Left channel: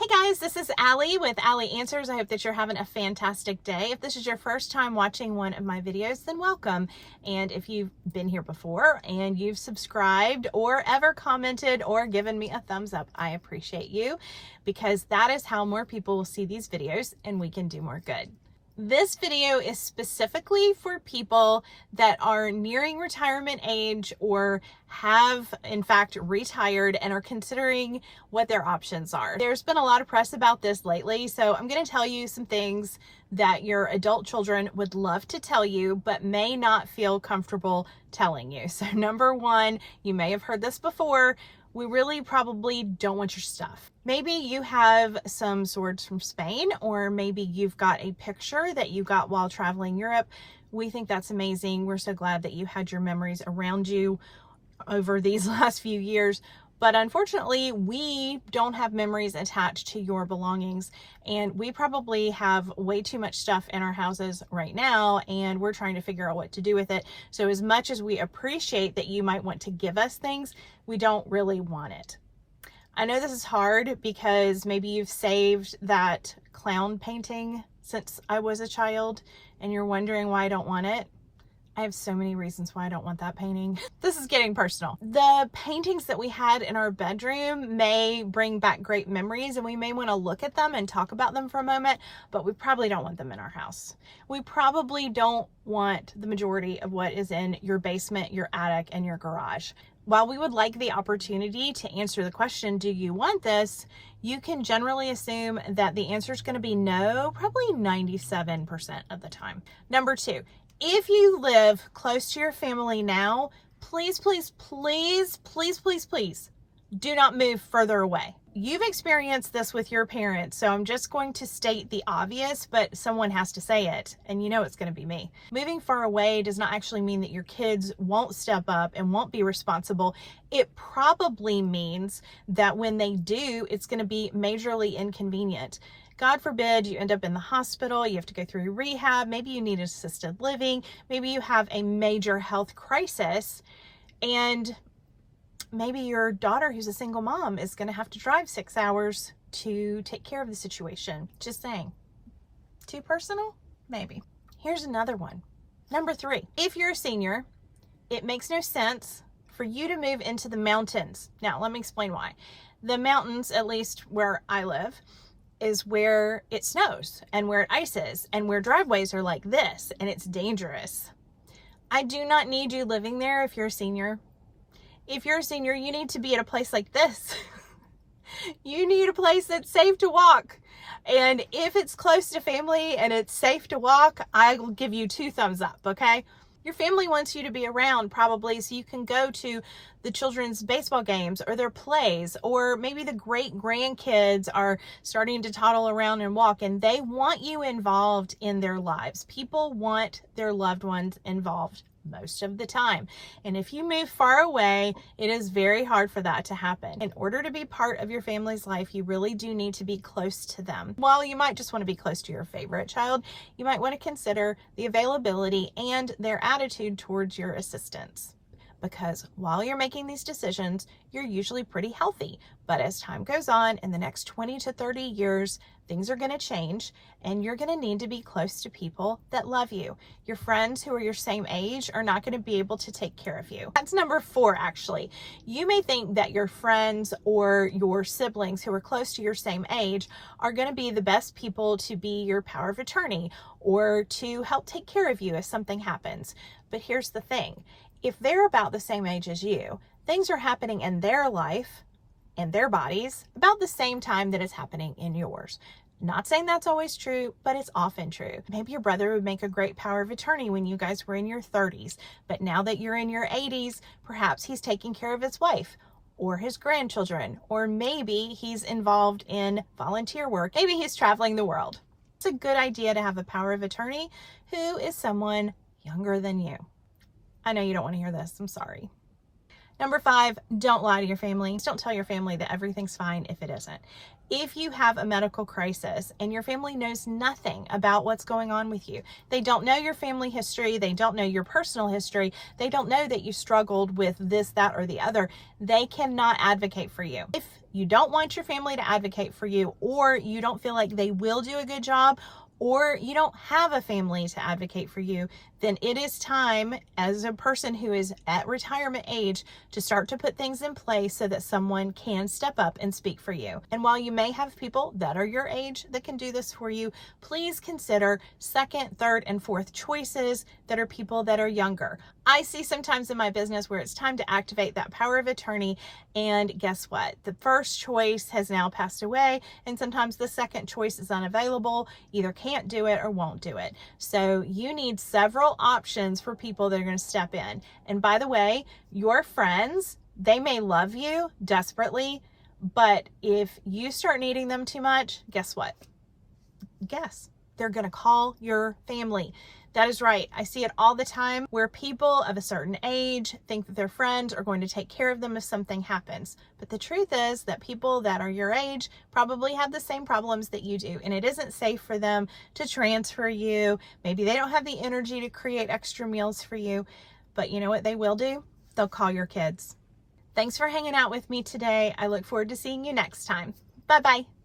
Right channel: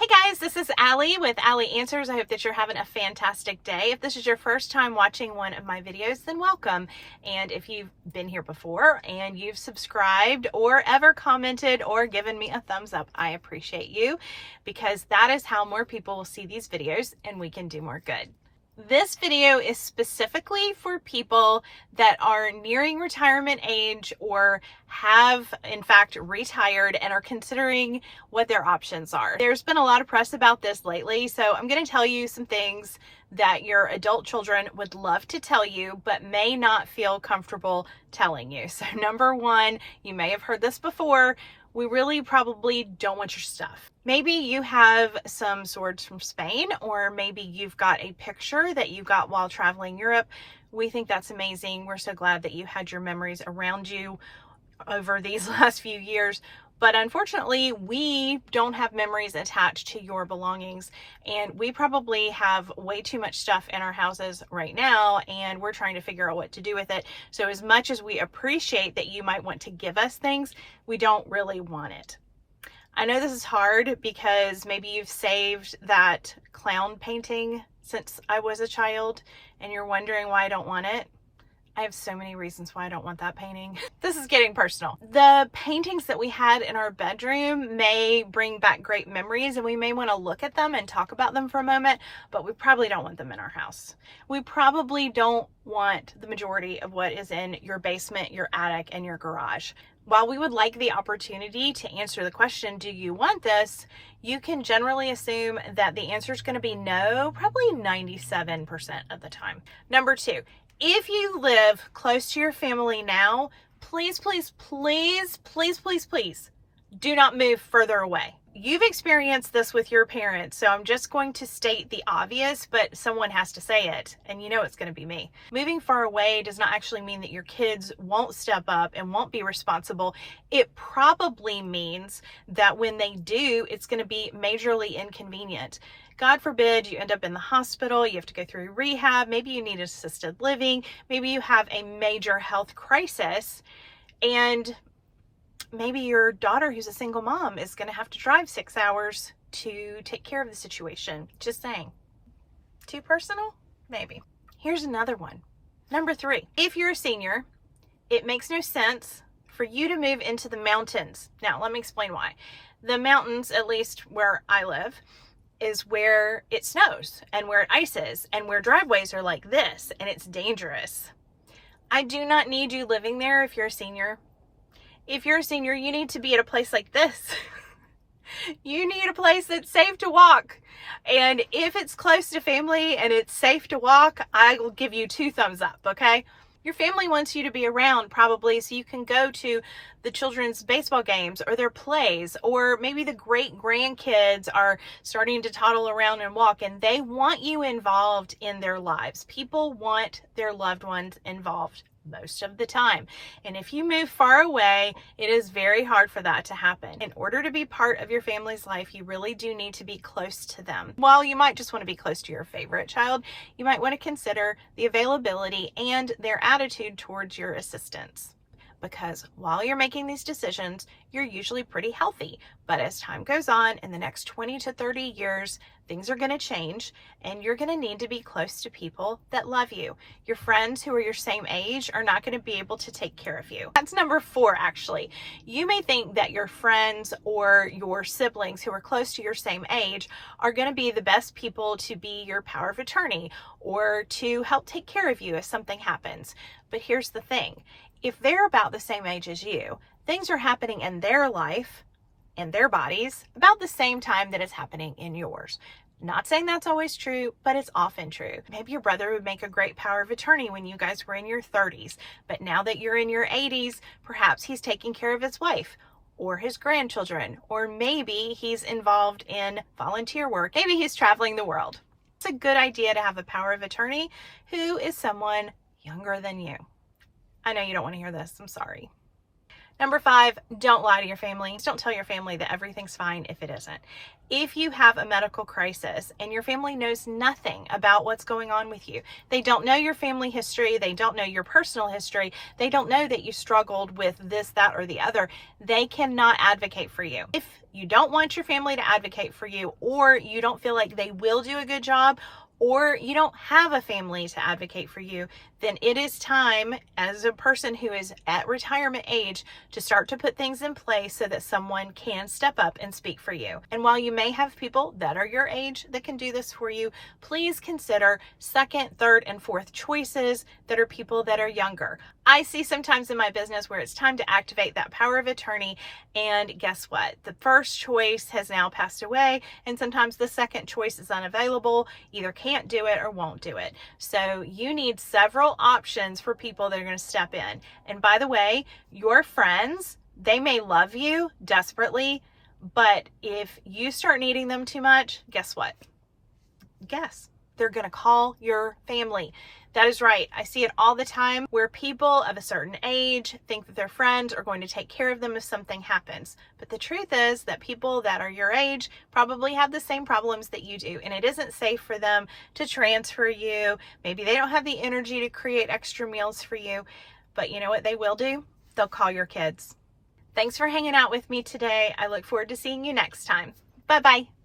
Hey guys, this is Allie with Allie Answers. I hope that you're having a fantastic day. If this is your first time watching one of my videos, then welcome. And if you've been here before and you've subscribed or ever commented or given me a thumbs up, I appreciate you because that is how more people will see these videos and we can do more good. This video is specifically for people that are nearing retirement age or have in fact retired and are considering what their options are. There's been a lot of press about this lately, so I'm going to tell you some things that your adult children would love to tell you but may not feel comfortable telling you. So number one, you may have heard this before, we really probably don't want your stuff. Maybe you have some swords from Spain, or maybe you've got a picture that you got while traveling Europe. We think that's amazing. We're so glad that you had your memories around you over these last few years. But unfortunately, we don't have memories attached to your belongings. And we probably have way too much stuff in our houses right now, and we're trying to figure out what to do with it. So as much as we appreciate that you might want to give us things, we don't really want it. I know this is hard because maybe you've saved that clown painting since I was a child and you're wondering why I don't want it. I have so many reasons why I don't want that painting. This is getting personal. The paintings that we had in our bedroom may bring back great memories and we may want to look at them and talk about them for a moment, but we probably don't want them in our house. We probably don't want the majority of what is in your basement, your attic, and your garage. While we would like the opportunity to answer the question, do you want this? You can generally assume that the answer is going to be no, probably 97% of the time. Number two, if you live close to your family now, please, please, please, please, please, please do not move further away. You've experienced this with your parents, so I'm just going to state the obvious, but someone has to say it, and you know it's going to be me. Moving far away does not actually mean that your kids won't step up and won't be responsible. It probably means that when they do, it's going to be majorly inconvenient. God forbid you end up in the hospital, you have to go through rehab, maybe you need assisted living, maybe you have a major health crisis, and maybe your daughter who's a single mom is going to have to drive 6 hours to take care of the situation. Just saying. Too personal? Maybe. Here's another one. Number three, if you're a senior, it makes no sense for you to move into the mountains. Now, let me explain why. The mountains, at least where I live, is where it snows and where it ices and where driveways are like this and it's dangerous. I do not need you living there if you're a senior. If you're a senior, you need to be at a place like this. You need a place that's safe to walk. And if it's close to family and it's safe to walk, I will give you 2 thumbs up, okay? Your family wants you to be around probably so you can go to the children's baseball games or their plays, or maybe the great grandkids are starting to toddle around and walk and they want you involved in their lives. People want their loved ones involved most of the time. And if you move far away, it is very hard for that to happen. In order to be part of your family's life, you really do need to be close to them. While you might just want to be close to your favorite child, you might want to consider the availability and their attitude towards your assistance. Because while you're making these decisions, you're usually pretty healthy. But as time goes on, in the next 20 to 30 years, things are going to change and you're going to need to be close to people that love you. Your friends who are your same age are not going to be able to take care of you. That's number 4, actually. You may think that your friends or your siblings who are close to your same age are going to be the best people to be your power of attorney or to help take care of you if something happens. But here's the thing. If they're about the same age as you, things are happening in their life, in their bodies, about the same time that it's happening in yours. Not saying that's always true, but it's often true. Maybe your brother would make a great power of attorney when you guys were in your 30s, but now that you're in your 80s, perhaps he's taking care of his wife or his grandchildren, or maybe he's involved in volunteer work. Maybe he's traveling the world. It's a good idea to have a power of attorney who is someone younger than you. I know you don't want to hear this. I'm sorry. Number 5, don't lie to your family. Don't tell your family that everything's fine if it isn't. If you have a medical crisis and your family knows nothing about what's going on with you, they don't know your family history, they don't know your personal history, they don't know that you struggled with this, that, or the other, they cannot advocate for you. If you don't want your family to advocate for you, or you don't feel like they will do a good job, or you don't have a family to advocate for you, then it is time, as a person who is at retirement age, to start to put things in place so that someone can step up and speak for you. And while you may have people that are your age that can do this for you, please consider second, third, and fourth choices that are people that are younger. I see sometimes in my business where it's time to activate that power of attorney, and guess what? The first choice has now passed away, and sometimes the second choice is unavailable, either can't do it or won't do it. So you need several options for people that are going to step in. And by the way, your friends, they may love you desperately, but if you start needing them too much, guess what? Guess they're going to call your family. That is right. I see it all the time where people of a certain age think that their friends are going to take care of them if something happens. But the truth is that people that are your age probably have the same problems that you do, and it isn't safe for them to transfer you. Maybe they don't have the energy to create extra meals for you, but you know what they will do? They'll call your kids. Thanks for hanging out with me today. I look forward to seeing you next time. Bye-bye.